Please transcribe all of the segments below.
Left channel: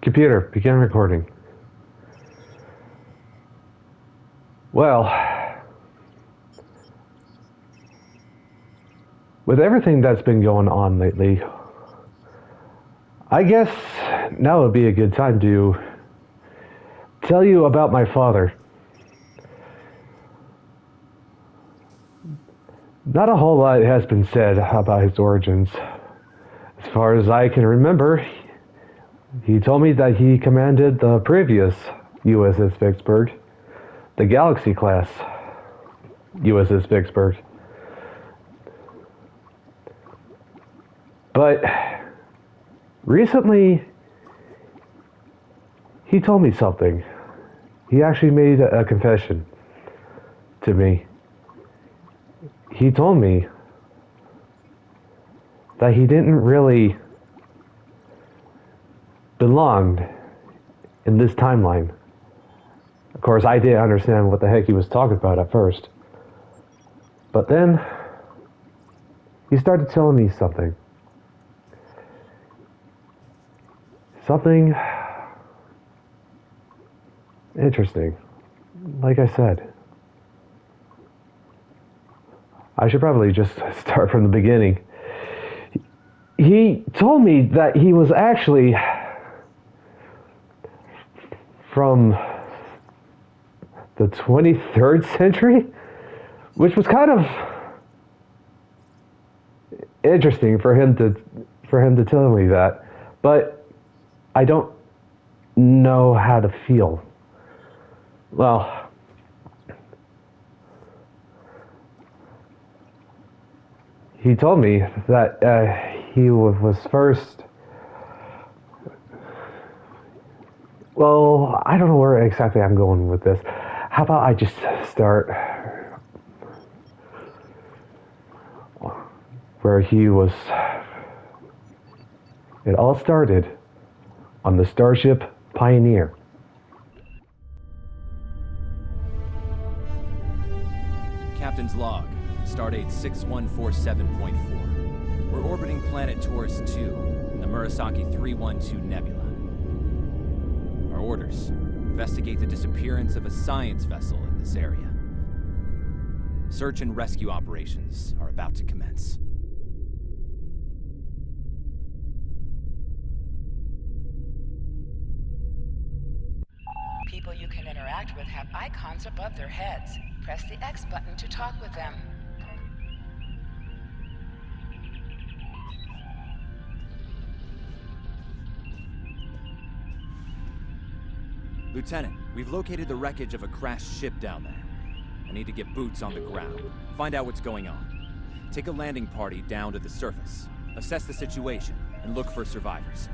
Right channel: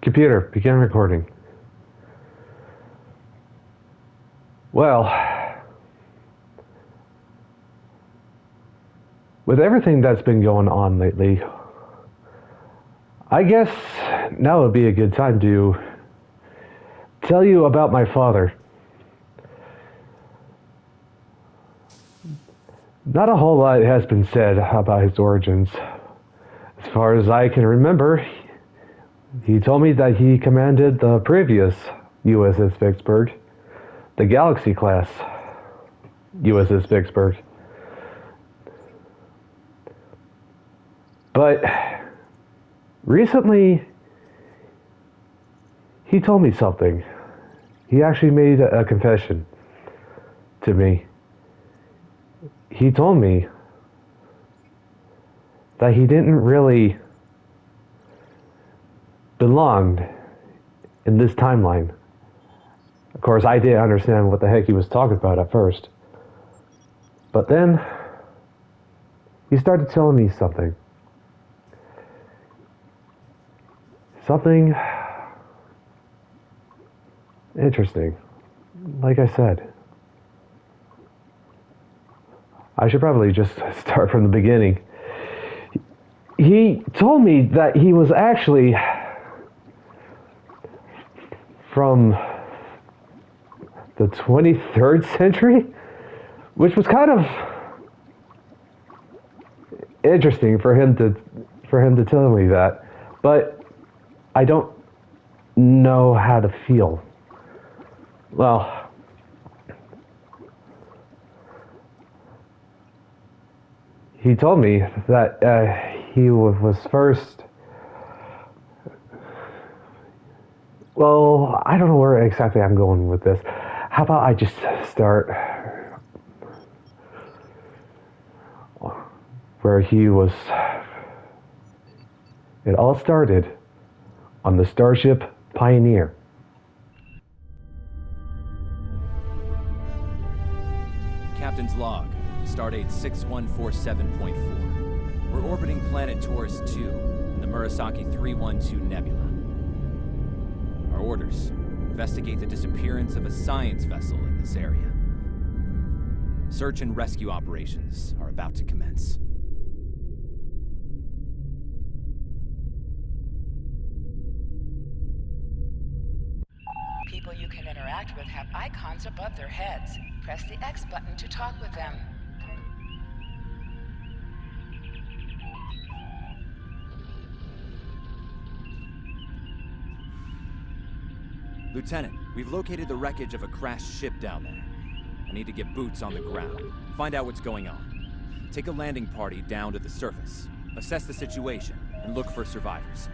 Computer, begin recording. Well, with everything that's been going on lately, I guess now would be a good time to tell you about my father. Not a whole lot has been said about his origins. As far as I can remember, he told me that he commanded the previous USS Vicksburg, the Galaxy class USS Vicksburg. But recently, he told me something. He actually made a confession to me. He told me that he didn't really belong in this timeline. Of course, I didn't understand what the heck he was talking about at first. But then, he started telling me something. Something interesting. Like I said, I should probably just start from the beginning. He told me that he was actually from the 23rd century, which was kind of interesting for him to tell me that, but I don't know how to feel. Well, he told me that he was first. Well, I don't know where exactly I'm going with this. How about I just start where he was. It all started on the Starship Pioneer. Captain's log, stardate 6147.4. We're orbiting planet Taurus 2 in the Murasaki 312 Nebula. Our orders: investigate the disappearance of a science vessel in this area. Search and rescue operations are about to commence. People you can interact with have icons above their heads. Press the X button to talk with them. Lieutenant, we've located the wreckage of a crashed ship down there. I need to get boots on the ground, find out what's going on. Take a landing party down to the surface, assess the situation, and look for survivors.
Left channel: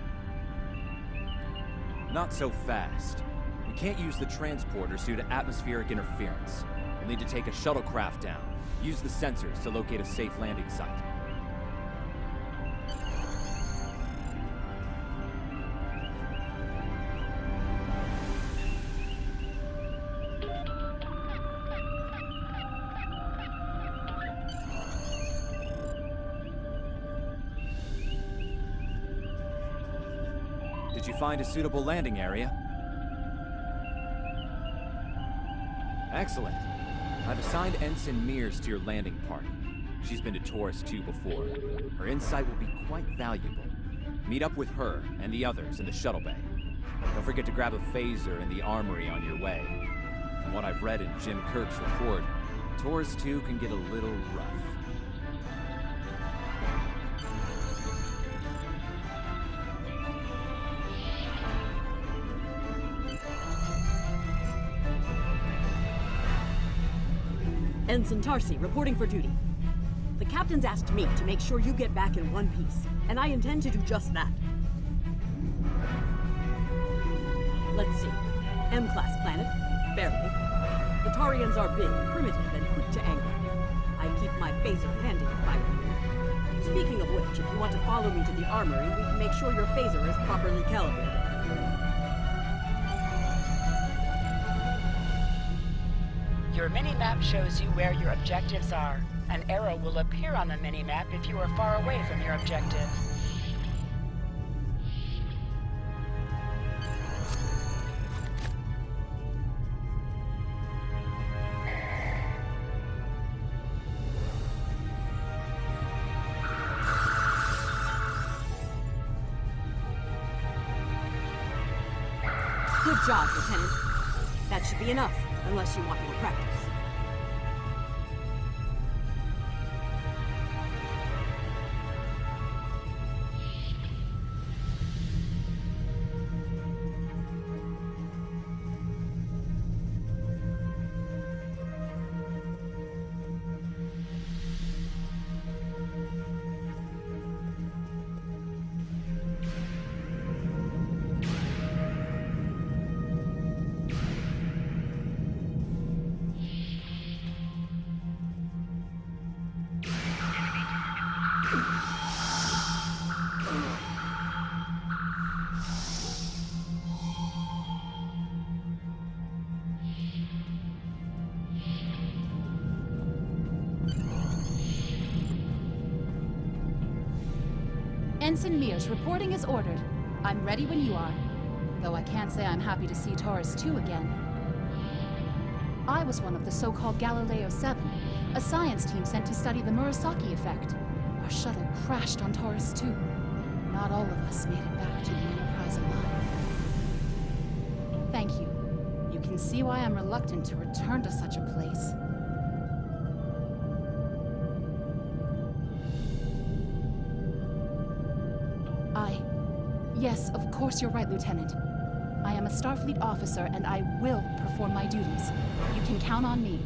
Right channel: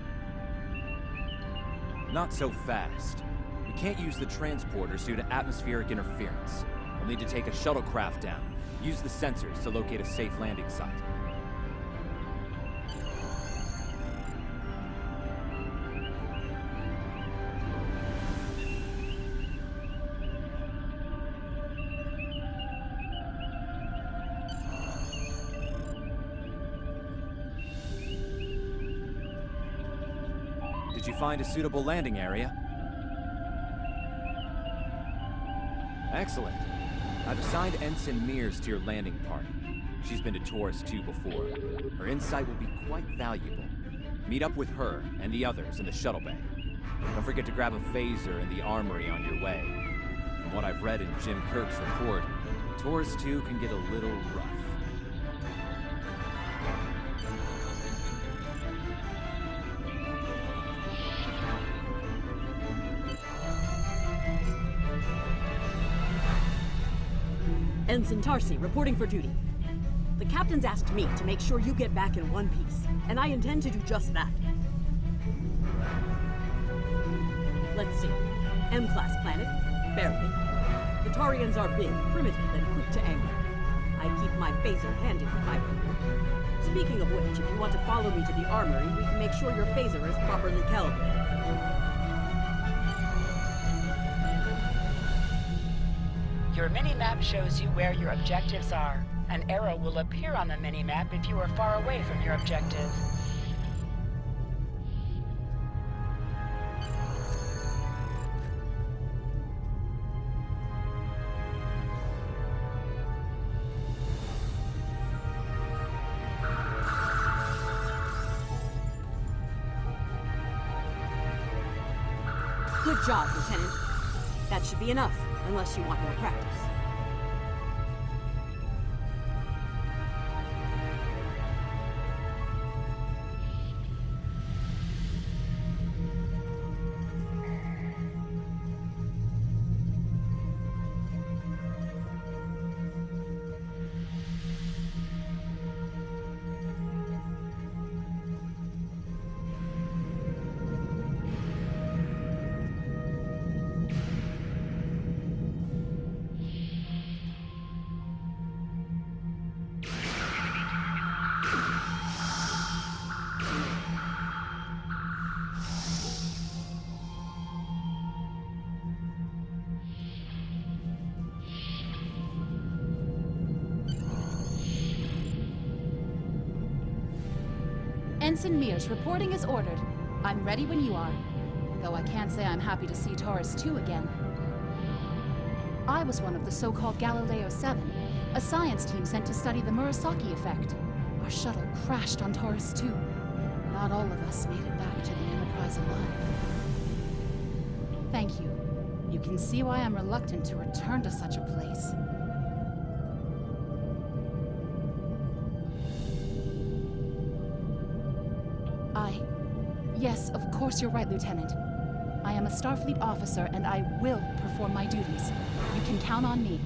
Not so fast. We can't use the transporters due to atmospheric interference. We'll need to take a shuttlecraft down, use the sensors to locate a safe landing site. Did you find a suitable landing area? Excellent. I've assigned Ensign Mears to your landing party. She's been to Taurus 2 before. Her insight will be quite valuable. Meet up with her and the others in the shuttle bay. Don't forget to grab a phaser in the armory on your way. From what I've read in Jim Kirk's report, Taurus 2 can get a little rough. Ensign Tarsi, reporting for duty. The captain's asked me to make sure you get back in one piece, and I intend to do just that. Let's see. M-class planet? Barely. The Tarians are big, primitive, and quick to anger. I'd keep my phaser handy if I were you. Speaking of which, if you want to follow me to the armory, we can make sure your phaser is properly calibrated. Your mini-map shows you where your objectives are. An arrow will appear on the mini-map if you are far away from your objective. Good job, Lieutenant. That should be enough, unless you want more practice. Ensign Mears, reporting as ordered. I'm ready when you are. Though I can't say I'm happy to see Taurus 2 again. I was one of the so-called Galileo 7, a science team sent to study the Murasaki effect. Our shuttle crashed on Taurus 2. Not all of us made it back to the Enterprise alive. Thank you. You can see why I'm reluctant to return to such a place. Yes, of course you're right, Lieutenant. I am a Starfleet officer, and I will perform my duties. You can count on me.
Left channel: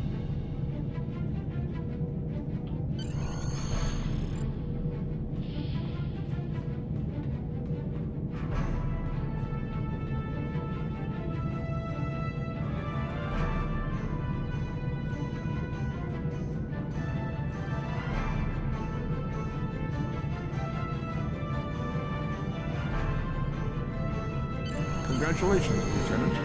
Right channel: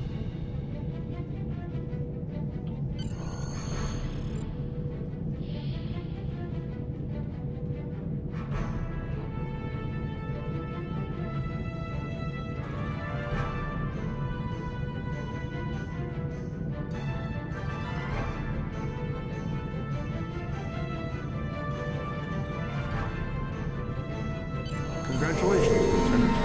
Congratulations, Lieutenant.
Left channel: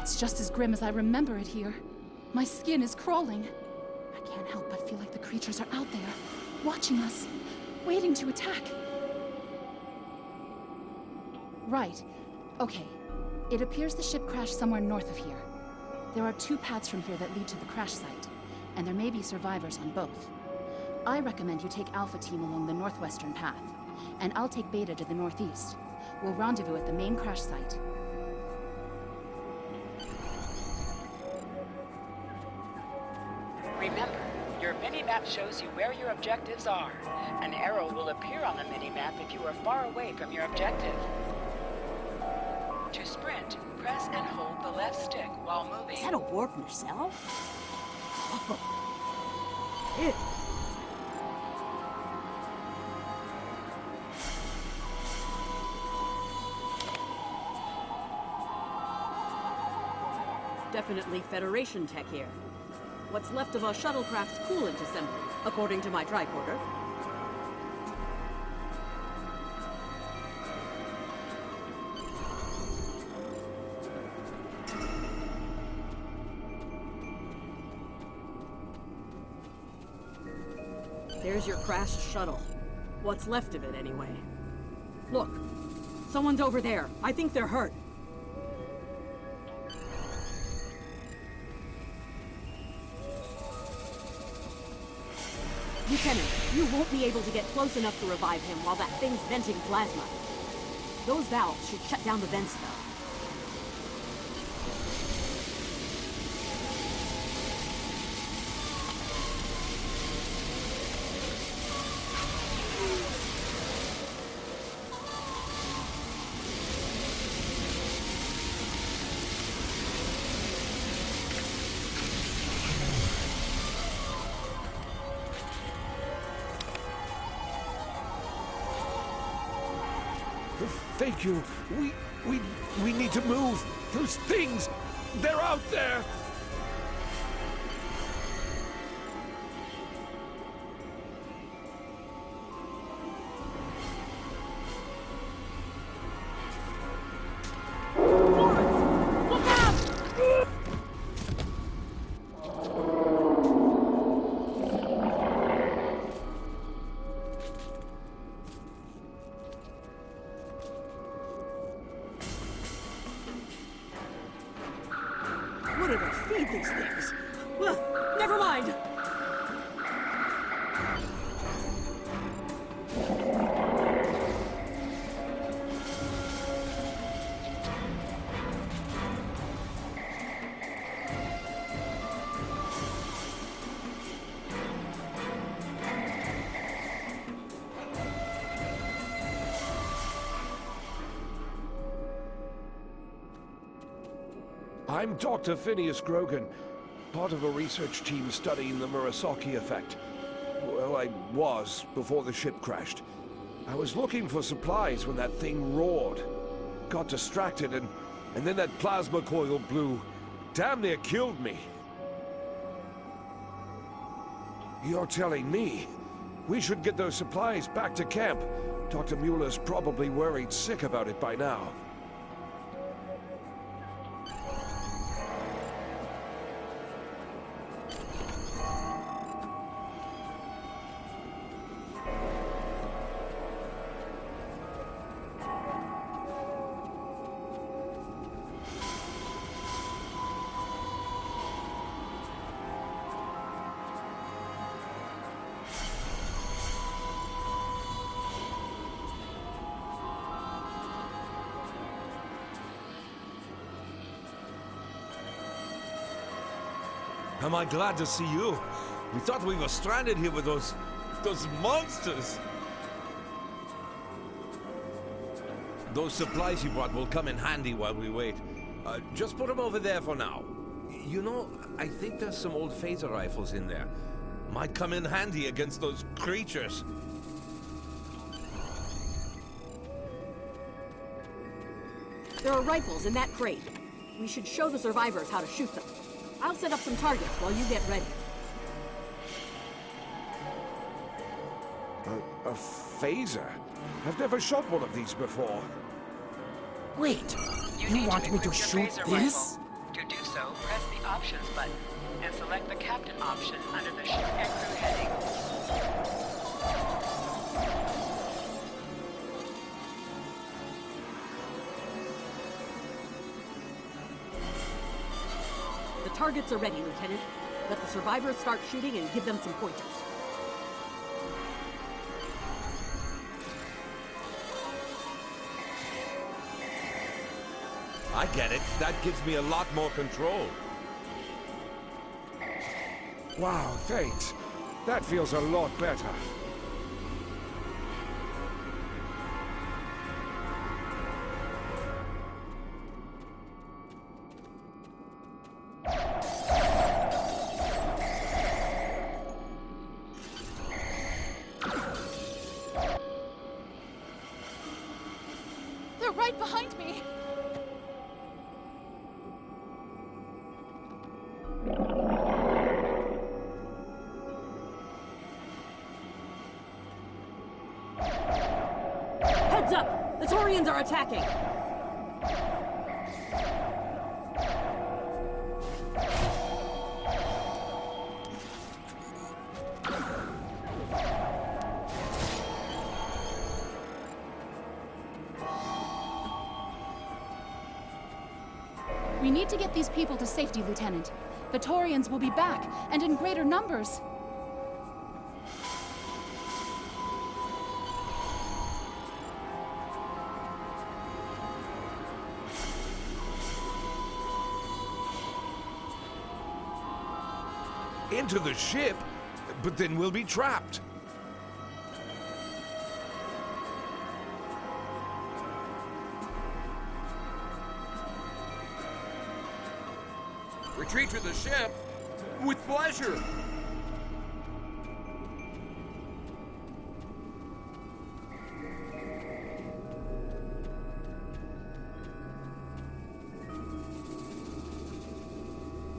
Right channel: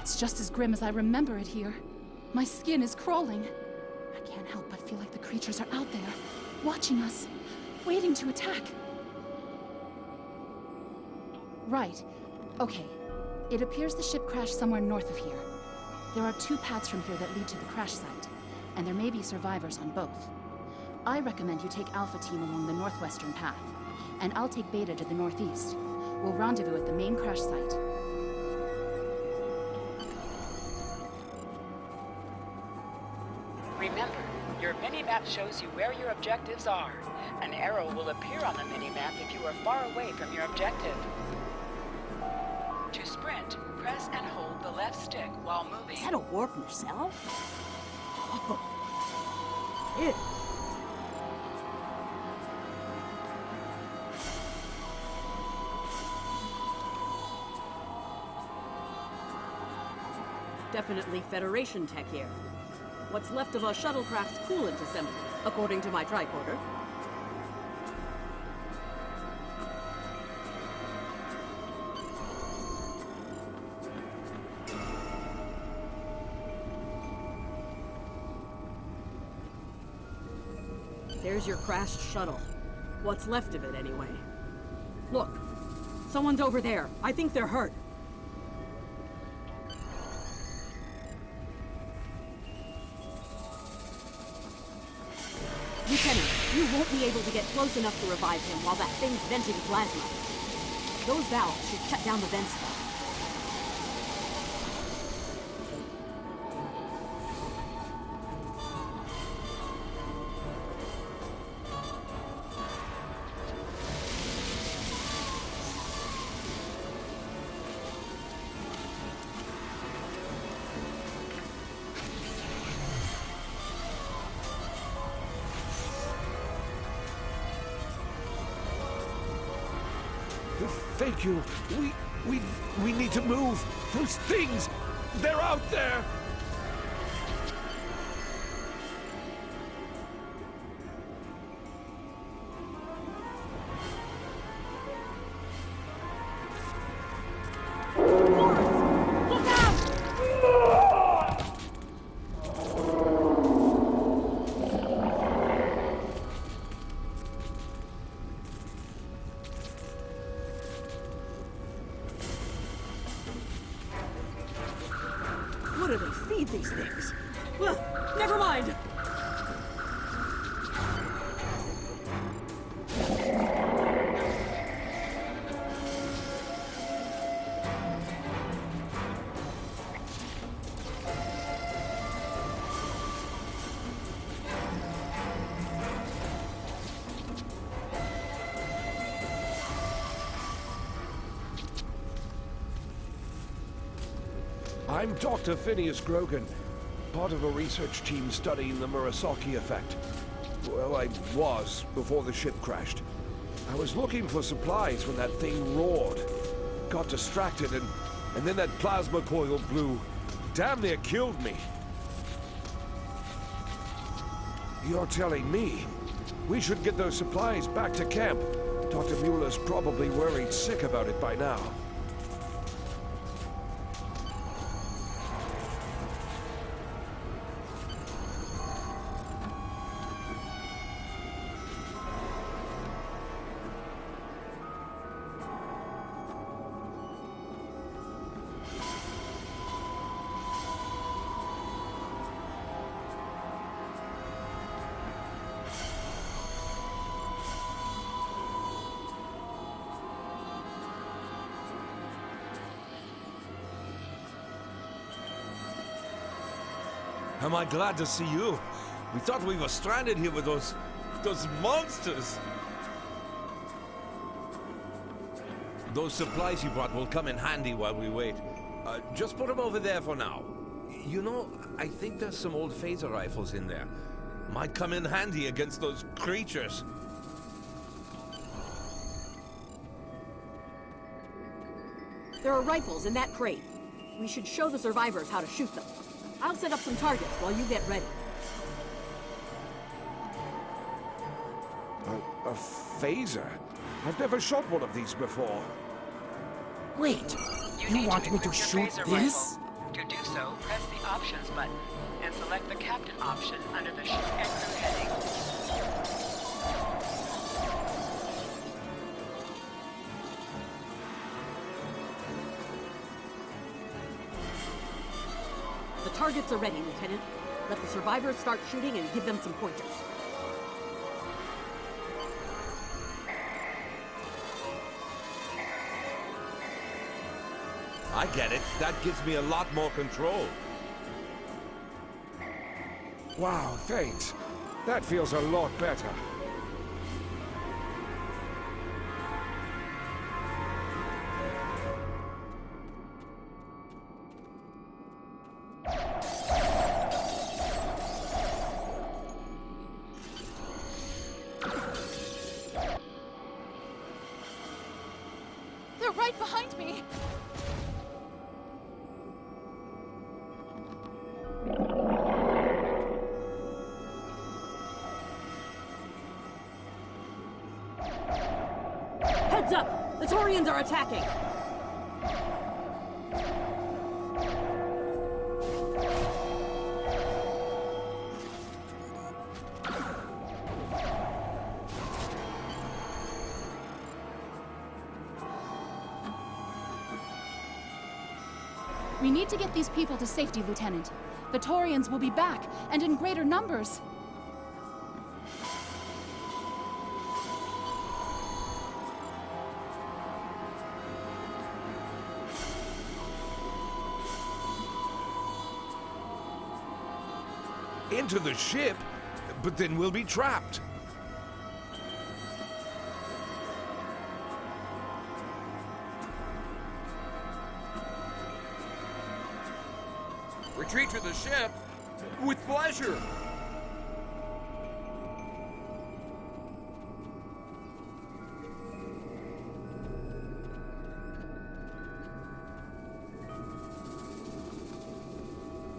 It's just as grim as I remember it here. My skin is crawling. I can't help but feel like the creatures are out there, watching us, waiting to attack. Right. Okay. It appears the ship crashed somewhere north of here. There are 2 paths from here that lead to the crash site, and there may be survivors on both. I recommend you take Alpha Team along the northwestern path, and I'll take Beta to the northeast. We'll rendezvous at the main crash site. Remember, your mini-map shows you where your objectives are. An arrow will appear on the mini-map if you are far away from your objective. To sprint, press and hold the left stick while moving. Is that a warp nacelle? Oh. Ew. Definitely Federation tech here. What's left of a shuttlecraft's coolant assembly, according to my tricorder. There's your crashed shuttle. What's left of it, anyway. Look, someone's over there. I think they're hurt. Lieutenant, you won't be able to get close enough to revive him while that thing's venting plasma. Those valves should shut down the vents, though. Thank you. We need to move. Those things, they're out there. Forrest! Look out! do they feed these things? Well, never mind. I'm Dr. Phineas Grogan, part of a research team studying the Murasaki effect. Well, I was, before the ship crashed. I was looking for supplies when that thing roared. Got distracted, and then that plasma coil blew. Damn near killed me. You're telling me we should get those supplies back to camp? Dr. Mueller's probably worried sick about it by now. Am I glad to see you? We thought we were stranded here with those monsters. Those supplies you brought will come in handy while we wait. Just put them over there for now. You know, I think there's some old phaser rifles in there. Might come in handy against those creatures. There are rifles in that crate. We should show the survivors how to shoot them. I'll set up some targets while you get ready. A phaser? I've never shot one of these before. Wait, you want me to shoot this? Rifle. To do so, press the Options button and select the Captain option under the Ship and Crew heading. The targets are ready, Lieutenant. Let the survivors start shooting and give them some pointers. I get it. That gives me a lot more control. Wow, thanks. That feels a lot better. They're right behind me! Heads up! The Taurians are attacking! We need to get these people to safety, Lieutenant. The Taurians will be back, and in greater numbers. Into the ship? But then we'll be trapped. Retreat to the ship? With pleasure!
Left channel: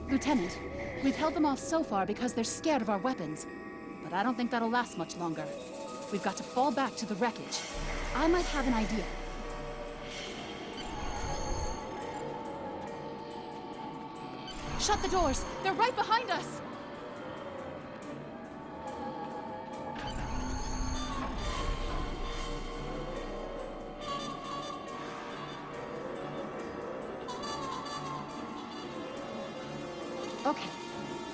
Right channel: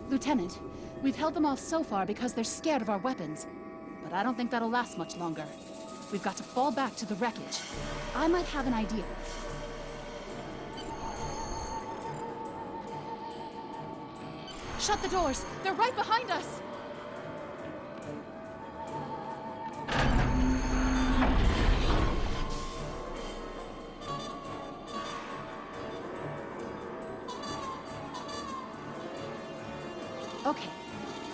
Lieutenant, we've held them off so far because they're scared of our weapons. But I don't think that'll last much longer. We've got to fall back to the wreckage. I might have an idea. Shut the doors! They're right behind us! Okay.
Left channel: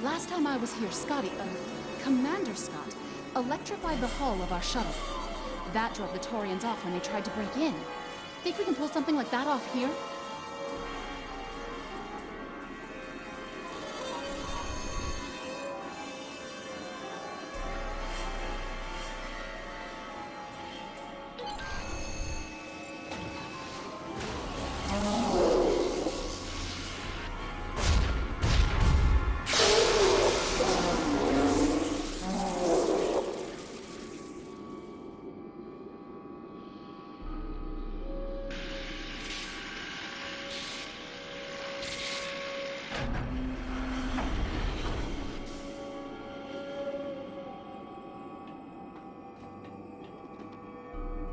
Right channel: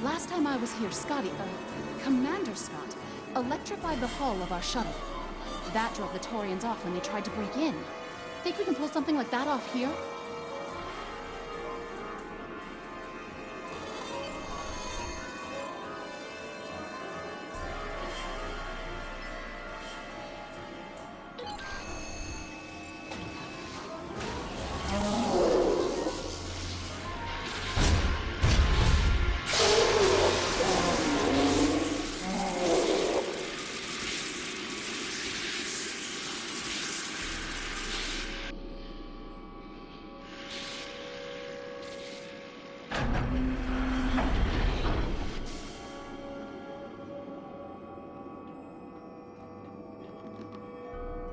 Last time I was here, Commander Scott, electrified the hull of our shuttle. That drove the Taurians off when they tried to break in. Think we can pull something like that off here?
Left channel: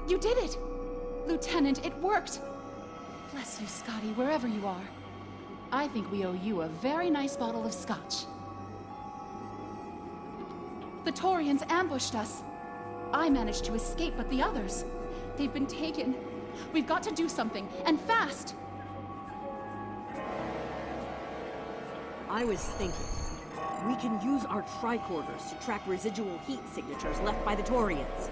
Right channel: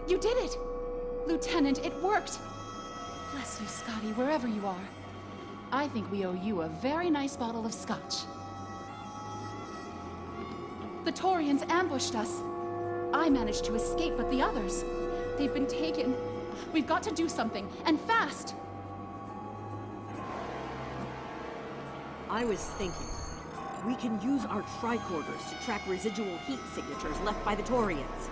You did it! Lieutenant, it worked! Bless you, Scotty, wherever you are. I think we owe you a very nice bottle of scotch. The Taurians ambushed us. I managed to escape, but the others, they've been taken. We've got to do something, and fast! I was thinking, we can use our tricorders to track residual heat signatures left by the Taurians.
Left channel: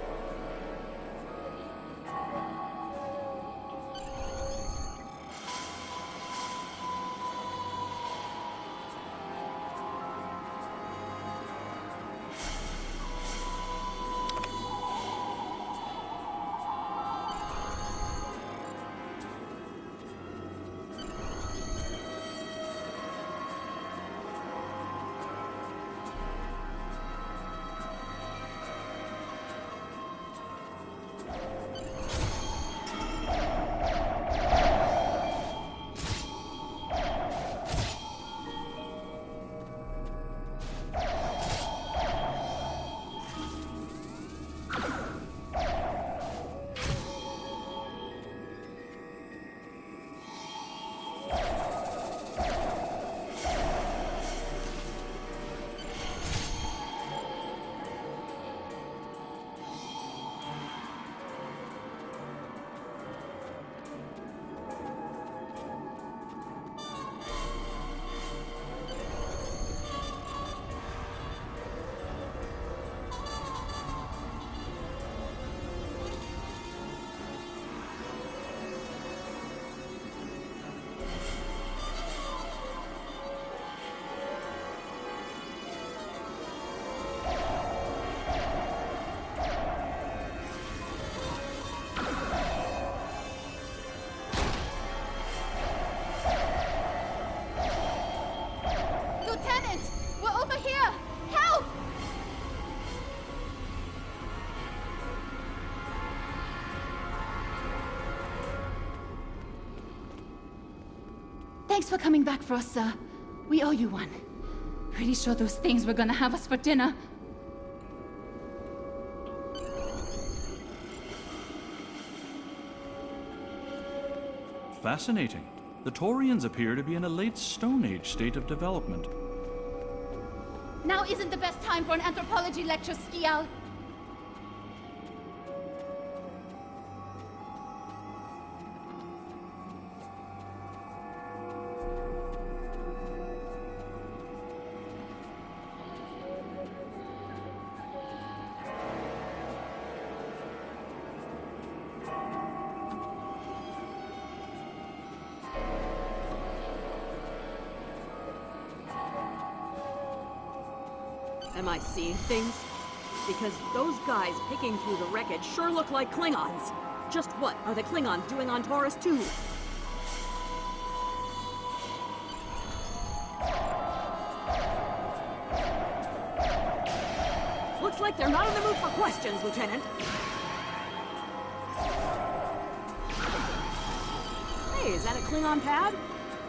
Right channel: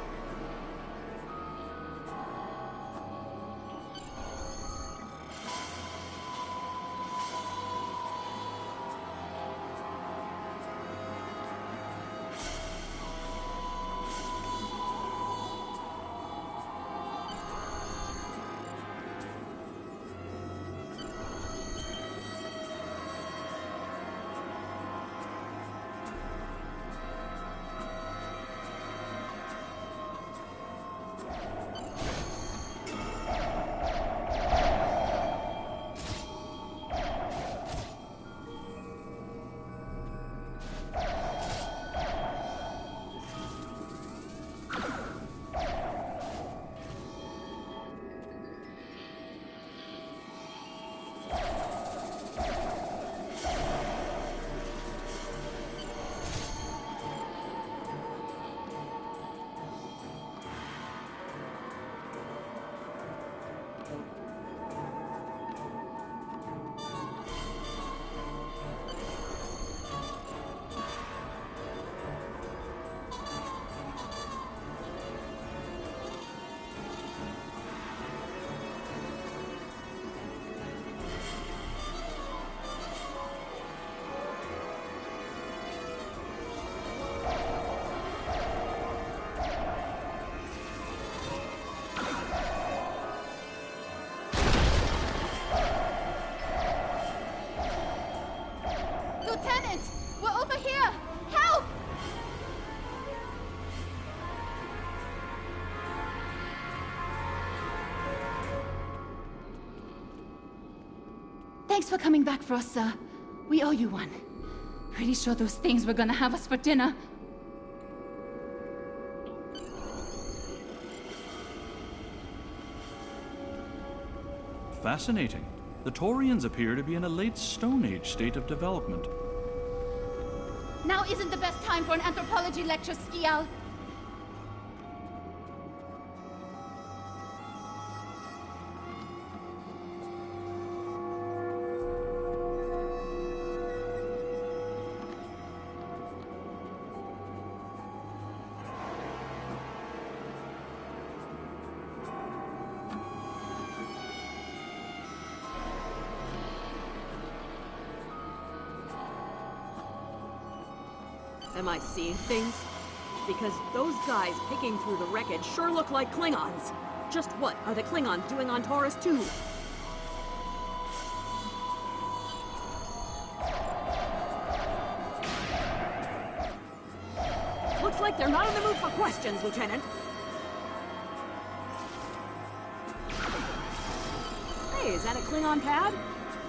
Lieutenant! We're over here! Help! Thanks for coming back for us, sir. We owe you one. Pretty sure those things were gonna have us for dinner. Fascinating. The Taurians appear to be in a late Stone Age state of development. Now isn't the best time for an anthropology lecture, Skial. Am I seeing things? Because those guys picking through the wreckage sure look like Klingons. Just what are the Klingons doing on Taurus 2? Looks like they're not in the mood for questions, Lieutenant. Hey, is that a Klingon pad?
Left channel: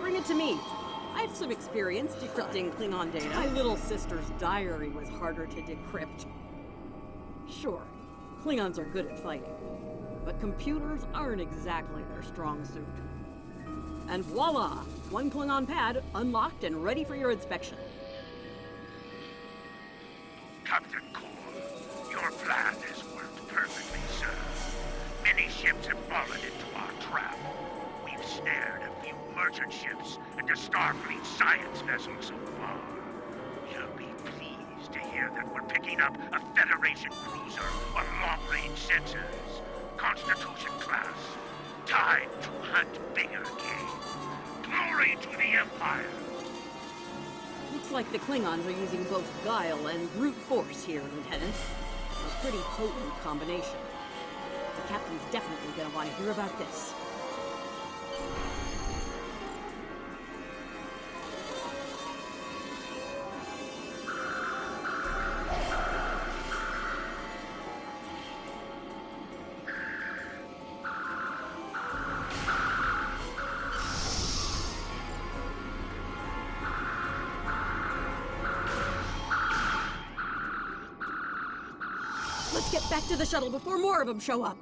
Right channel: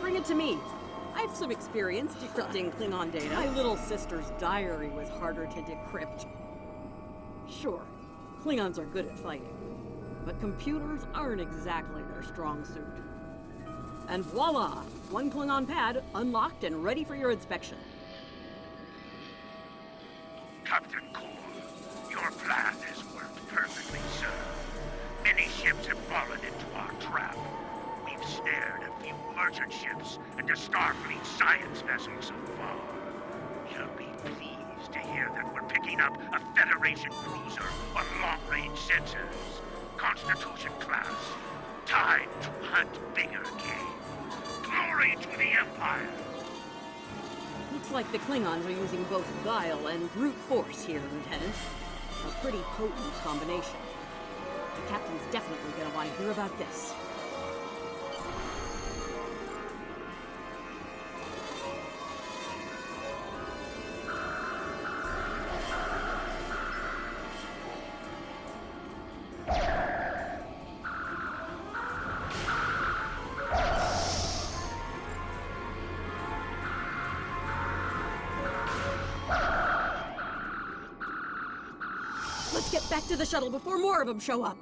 Bring it to me. I have some experience decrypting Klingon data. My little sister's diary was harder to decrypt. Sure, Klingons are good at fighting, but computers aren't exactly their strong suit. And voila! One Klingon pad unlocked and ready for your inspection. Captain Core, your plan has worked perfectly, sir. Many ships have fallen into our trap. We've snared a few merchant ships and a Starfleet science vessel so far. You'll be pleased to hear that we're picking up a Federation cruiser on long-range sensors. Constitution class. Time to hunt bigger game. Glory to the Empire! Looks like the Klingons are using both guile and brute force here, Lieutenant. A pretty potent combination. The captain's definitely gonna want to hear about this. Let's get back to the shuttle before more of them show up.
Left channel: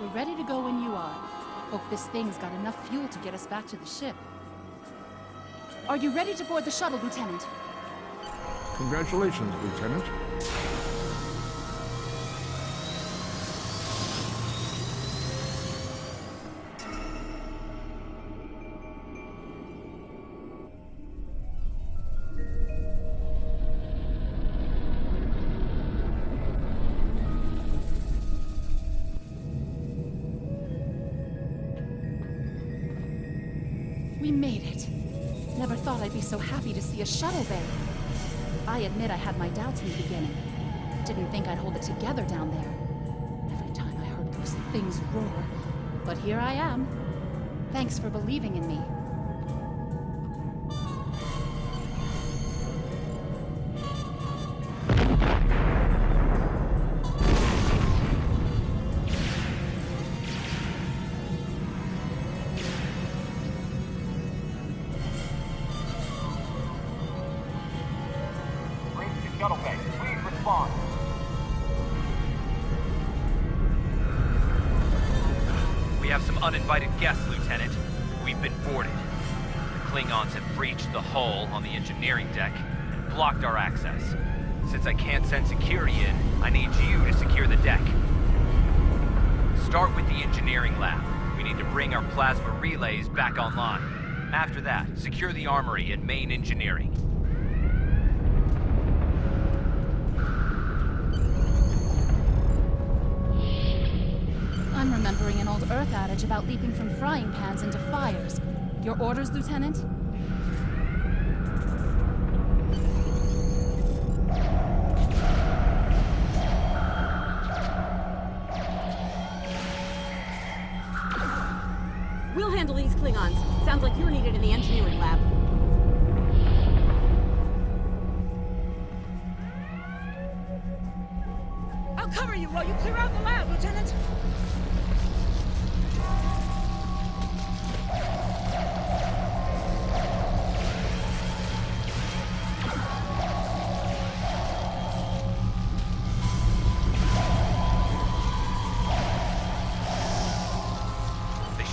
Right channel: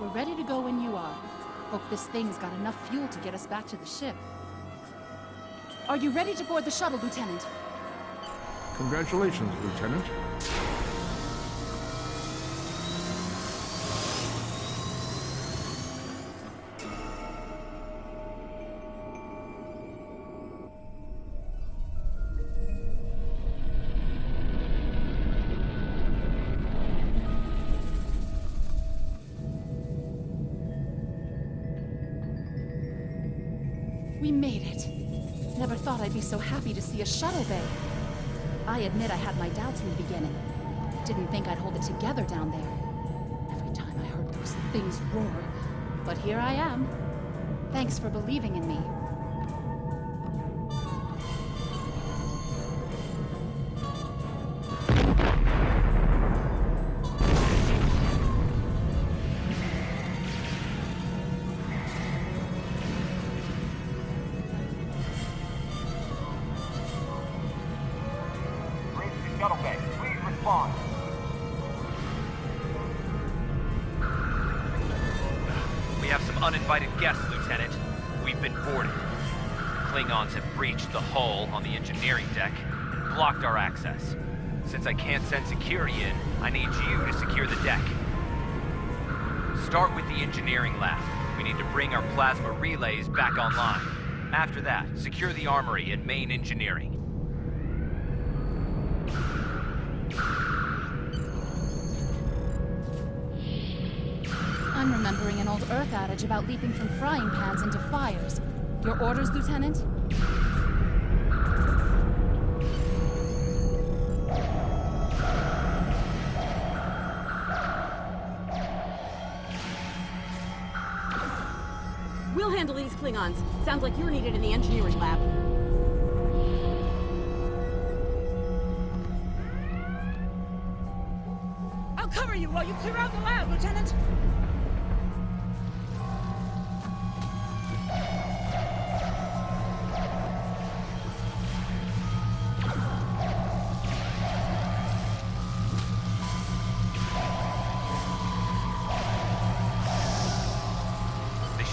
We're ready to go when you are. Hope this thing's got enough fuel to get us back to the ship. Are you ready to board the shuttle, Lieutenant? Congratulations, Lieutenant. We made it. Never thought I'd be so happy to see a shuttle bay. I admit I had my doubts in the beginning. Didn't think I'd hold it together down there. Every time I heard those things roar. But here I am. Thanks for believing in me. Shuttle bay, please respond. We have some uninvited guests, Lieutenant. We've been boarded. The Klingons have breached the hull on the engineering deck and blocked our access. Since I can't send security in, I need you to secure the deck. Start with the engineering lab. We need to bring our plasma relays back online. After that, secure the armory and main engineering. I'm remembering an old Earth adage about leaping from frying pans into fires. Your orders, Lieutenant? We'll handle these Klingons. Sounds like you're needed in the engineering lab. I'll cover you while you clear out the lab, Lieutenant.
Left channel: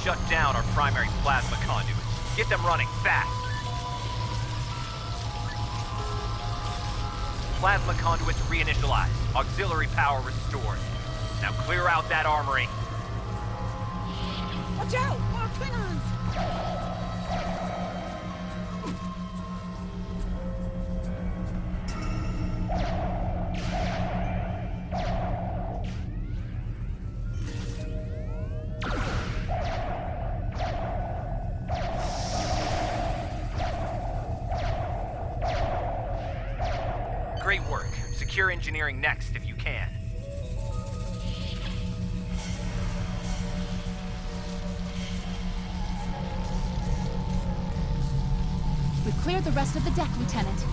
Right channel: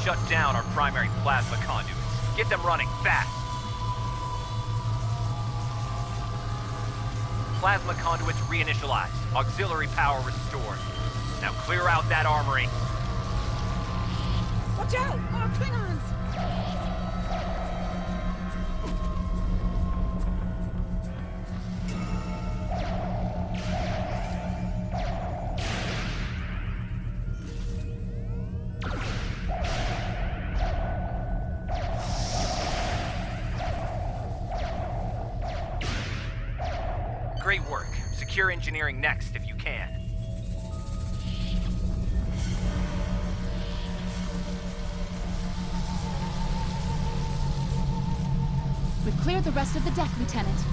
Shut down our primary plasma conduits. Get them running, fast! Plasma conduits reinitialized. Auxiliary power restored. Now clear out that armory. Watch out! More Klingons! Great work. Secure engineering next if you can. We've cleared the rest of the deck, Lieutenant.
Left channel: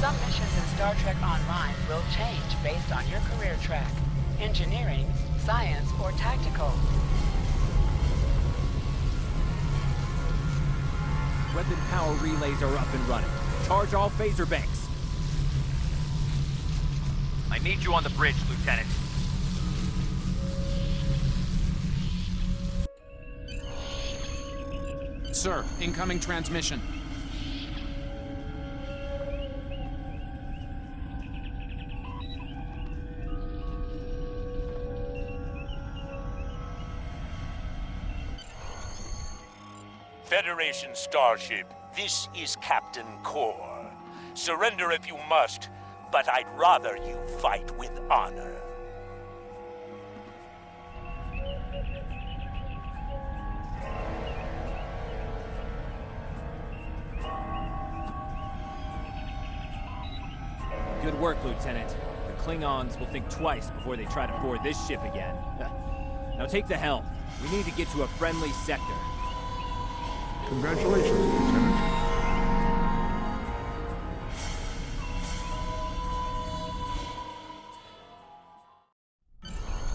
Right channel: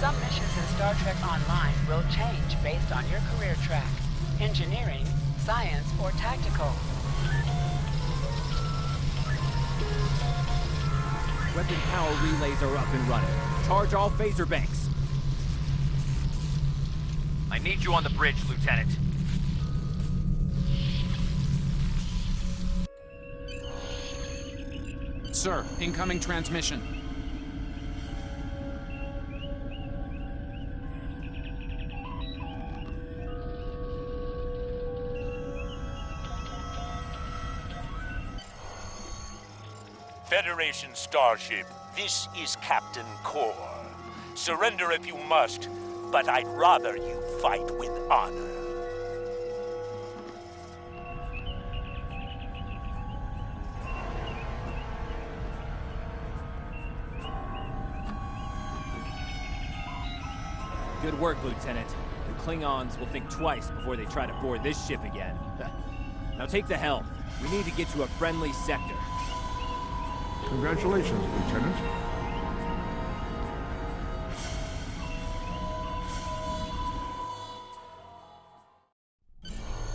Some missions in StarTrek Online will change based on your career track. Engineering, science, or tactical. Weapon power relays are up and running. Charge all phaser banks. I need you on the bridge, Lieutenant. Sir, incoming transmission. Federation starship, this is Captain Core. Surrender if you must, but I'd rather you fight with honor. Good work, Lieutenant. The Klingons will think twice before they try to board this ship again. Now take the helm. We need to get to a friendly sector. Congratulations, Lieutenant.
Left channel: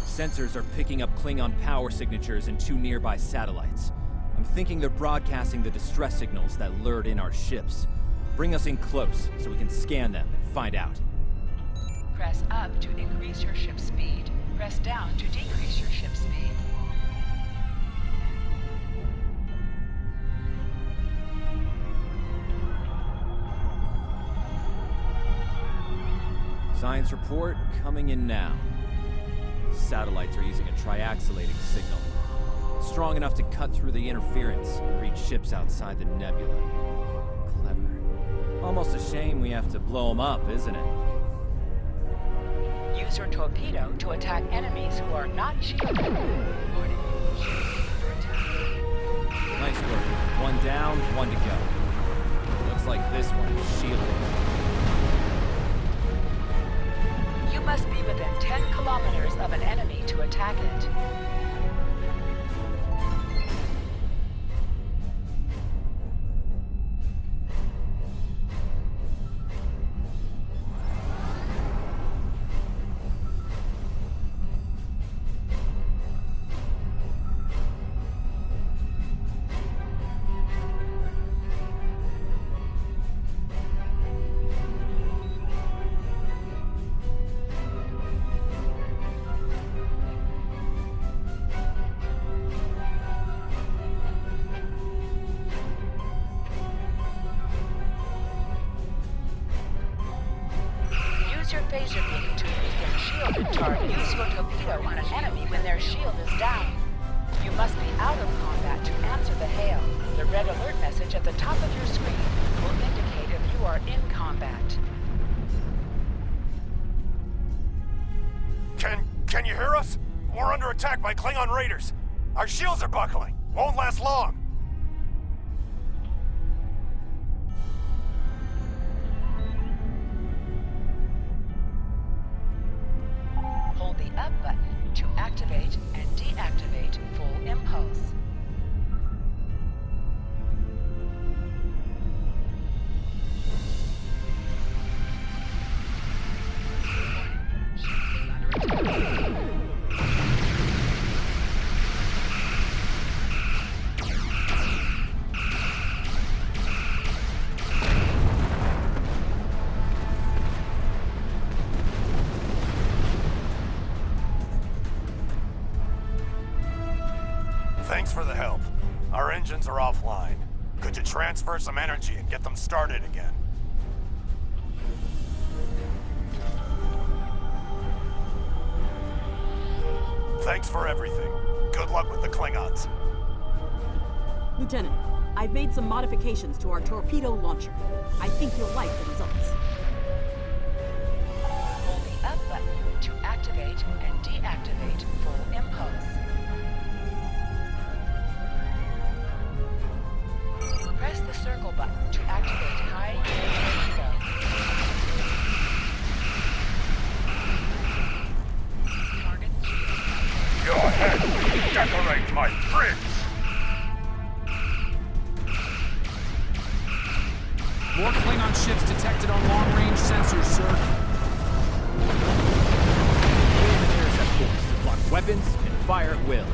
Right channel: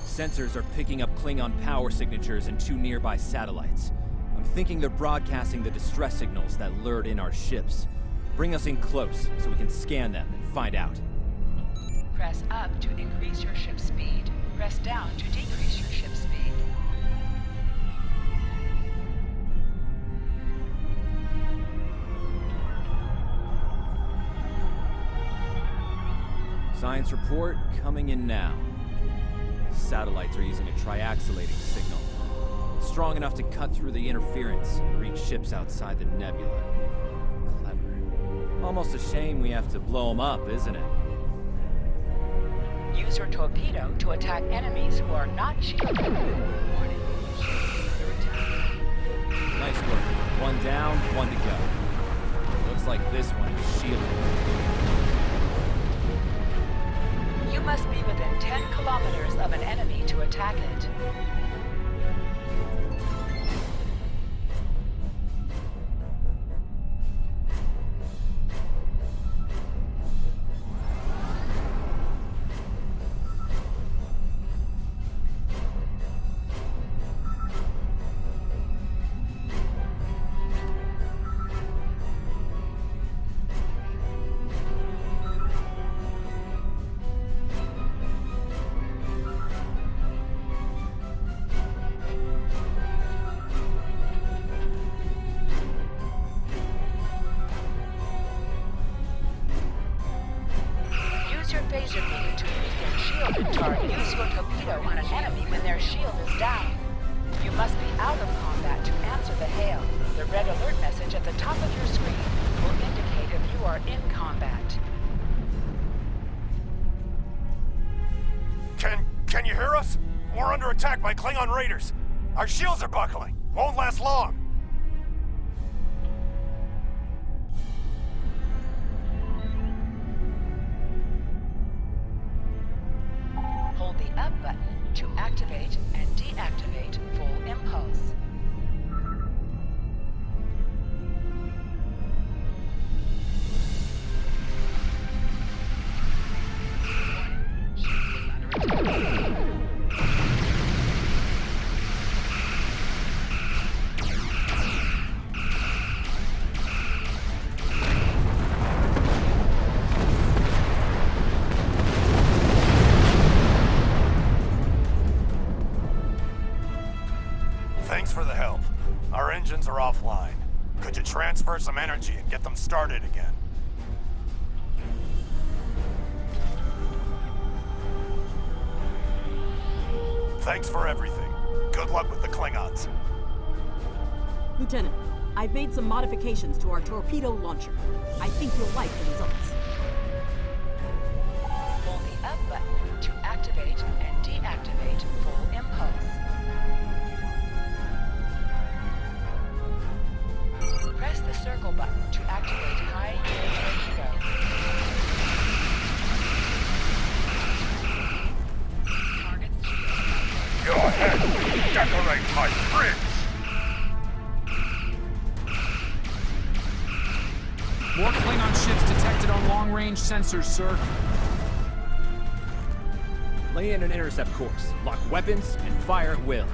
Sensors are picking up Klingon power signatures in 2 nearby satellites. I'm thinking they're broadcasting the distress signals that lured in our ships. Bring us in close so we can scan them and find out. Press up to increase your ship's speed. Press down to decrease your ship's speed. Science report coming in now. Satellites are using a triaxulating signal. Strong enough to cut through the interference and reach ships outside the nebula. Clever. Almost a shame we have to blow them up, isn't it? Use your torpedo to attack enemies who are not shielded. Warning, ship is under attack. Nice work. 1 down, 1 to go. Looks like this one is shielded. You must be within 10 kilometers of an enemy to attack it. Use your phaser beam to weaken shielded target. Use your torpedo on an enemy when their shield is down. You must be out of combat to answer the hail. The red alert message at the top of your screen will indicate if you are in combat. Can you hear us? We're under attack by Klingon raiders. Our shields are buckling. Won't last long. Hold the up button to activate and deactivate full impulse. Thanks for the help. Our engines are offline. Could you transfer some energy and get them started again? Thanks for everything. Good luck with the Klingons. Lieutenant, I've made some modifications to our torpedo launcher. I think you'll like the results. Hold the up button to activate and deactivate full impulse. Press the circle button to activate high yield torpedo. Target shield. Your head will decorate my fridge! More Klingon ships detected on long-range sensors, sir. Lay in an intercept course, lock weapons, and fire at will.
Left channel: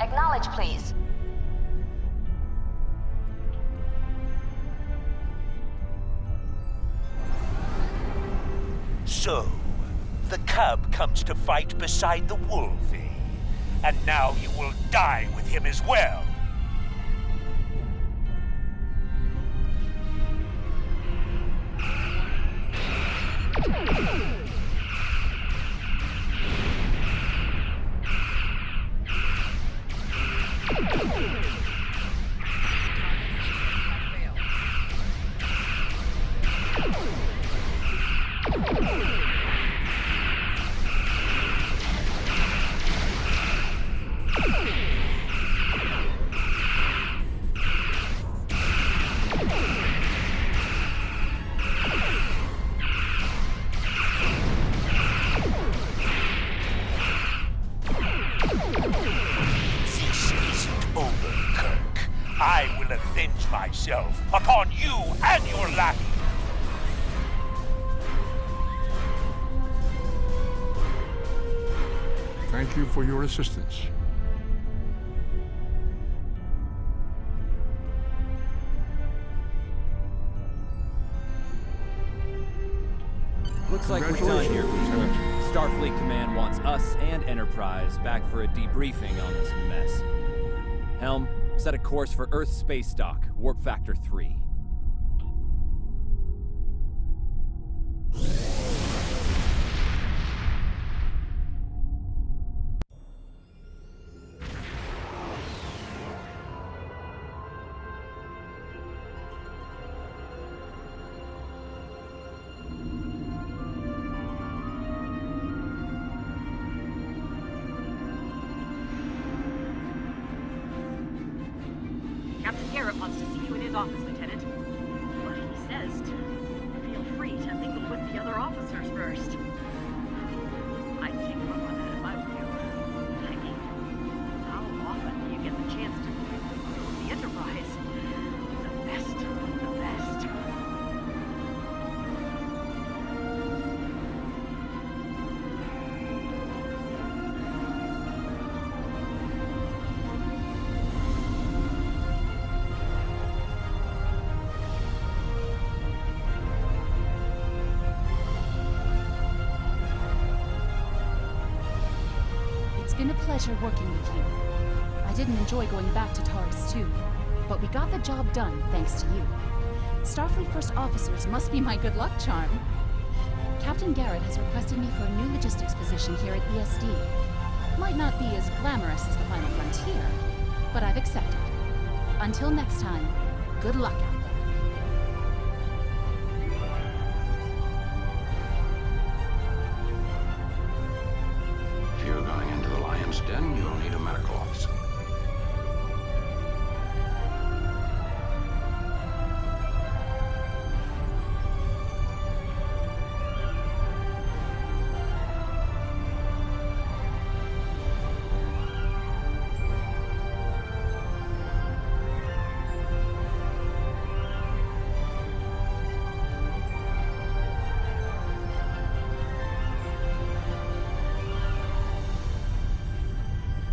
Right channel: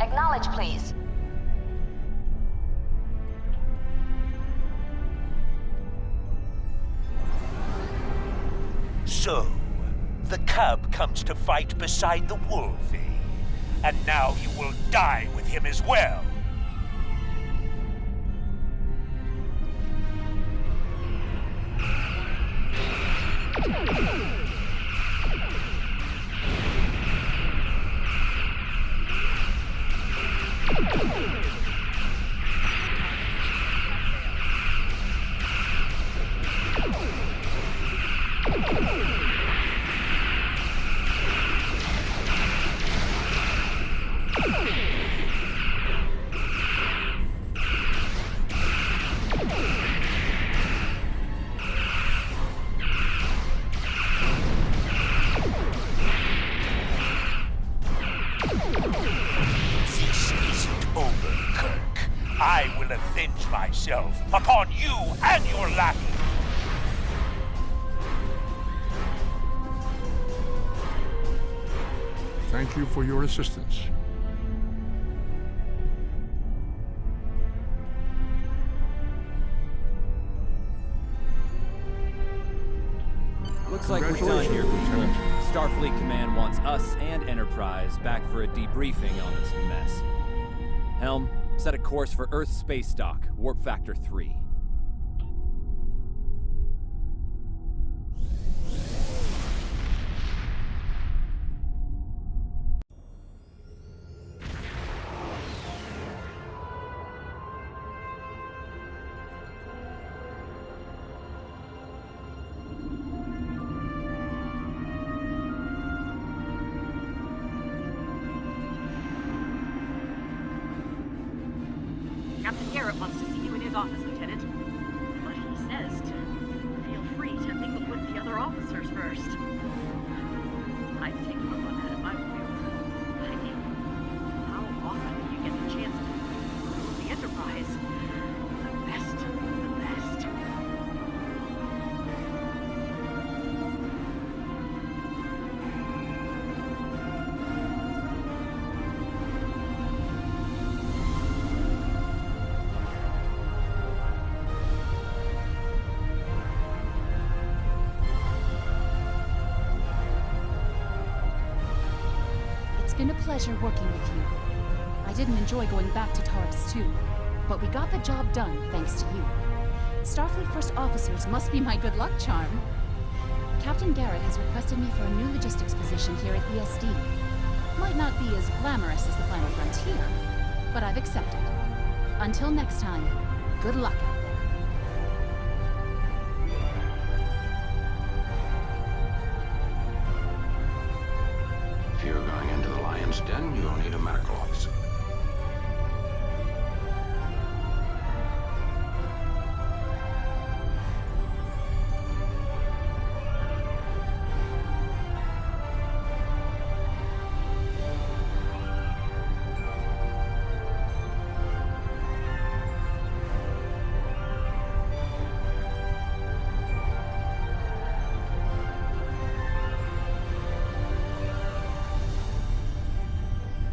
Acknowledge, please. So, the cub comes to fight beside the wolf, eh? And now you will die with him as well. I will avenge myself upon you and your lackey. Thank you for your assistance. Looks like we're done here, people. Starfleet Command wants us and Enterprise back for a debriefing on this mess. Helm, set a course for Earth space dock, warp factor 3. Captain Garrett wants to see you in his office, Lieutenant. But he says to feel free to mingle with the other officers first. I'd take him up on that if I were you. I mean, how often do you get the chance to meet the crew of the Enterprise? The best of the best. It's been a pleasure working with you. I didn't enjoy going back to TOS 2, but we got the job done thanks to you. Starfleet First Officers must be my good luck charm. Captain Garrett has requested me for a new logistics position here at ESD. Might not be as glamorous as the Final Frontier, but I've accepted. Until next time, good luck out there. If you're going into the lion's den, you'll need a medical officer.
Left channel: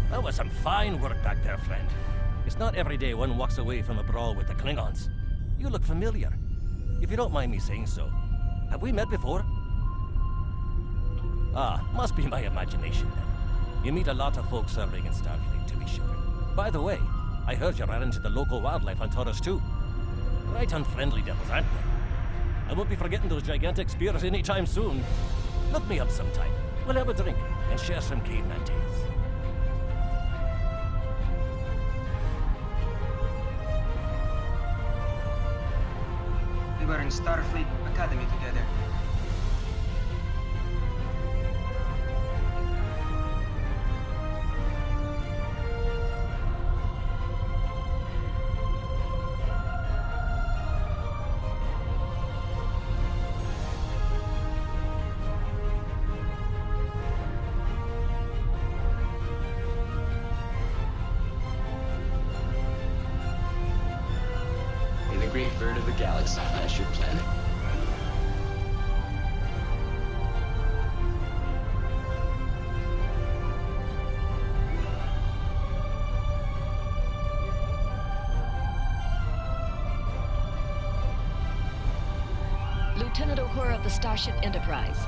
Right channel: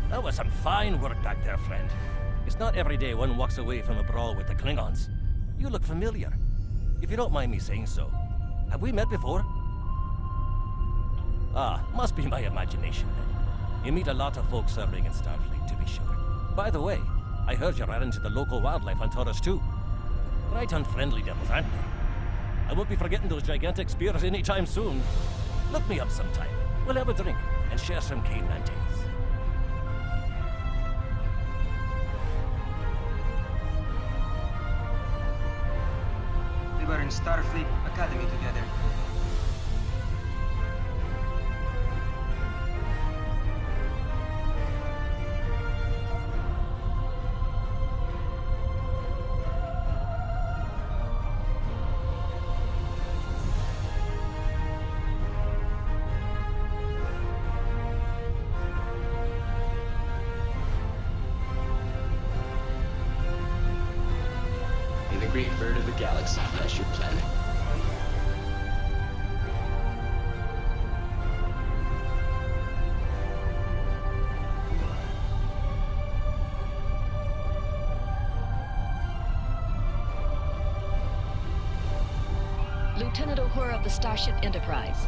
That was some fine work back there, friend. It's not every day one walks away from a brawl with the Klingons. You look familiar. If you don't mind me saying so. Have we met before? Ah, must be my imagination then. You meet a lot of folks serving in Starfleet, to be sure. By the way, I heard you ran into the local wildlife on Taurus too. Right unfriendly devils, aren't they? I won't be forgetting those gigantic spears anytime soon. Look me up sometime. We'll have a drink and share some caveman tales. We were in Starfleet Academy together. May the great bird of the galaxy bless your planet. Lieutenant Uhura of the Starship Enterprise.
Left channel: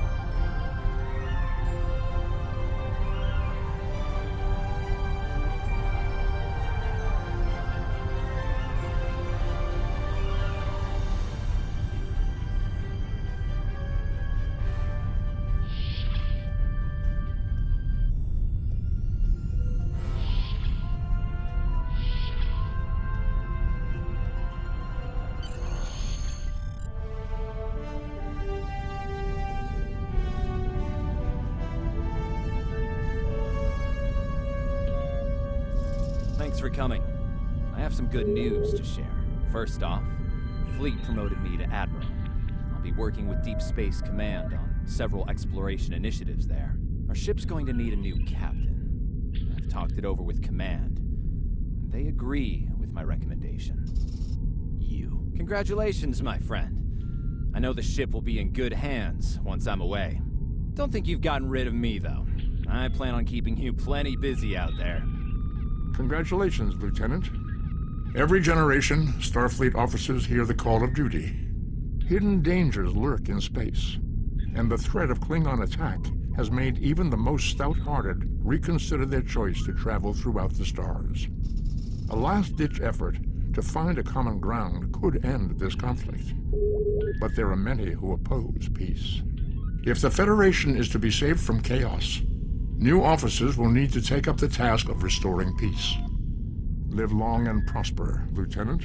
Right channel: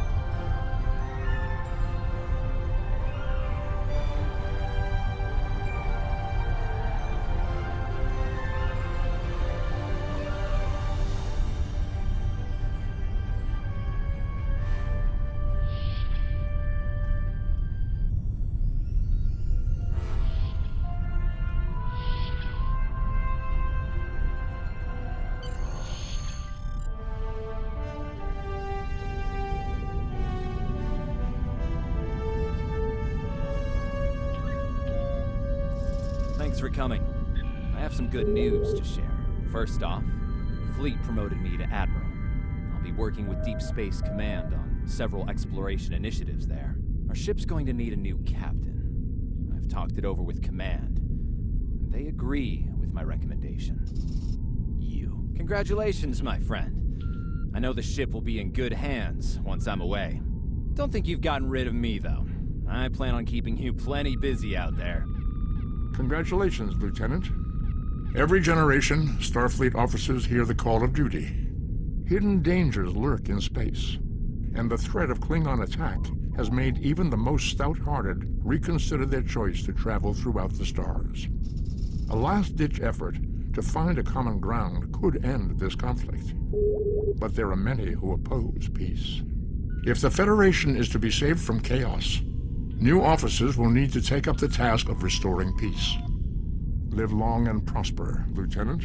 Thanks for coming. I have some good news to share. First off, Fleet promoted me to Admiral. I'll be working with Deep Space Command on several exploration initiatives there. Our ship's going to need a new captain. I've talked it over with Command, and they agree with my recommendation. You. Congratulations, my friend. I know the ship will be in good hands once I'm away. Don't think you've gotten rid of me, though. I plan on keeping you plenty busy out there. Congratulations, Lieutenant. Every generation, Starfleet officers hear the call of duty. Hidden dangers lurk in space, and the threat of Klingon attack has made even the most stout-hearted reconsider their choice to travel throughout the stars. A last-ditch effort to find a common ground could end this conflict, but there are many who oppose peace. If the Federation is to be saved from chaos, new officers will need to take up the task of restoring peace. Live long and prosper, Lieutenant.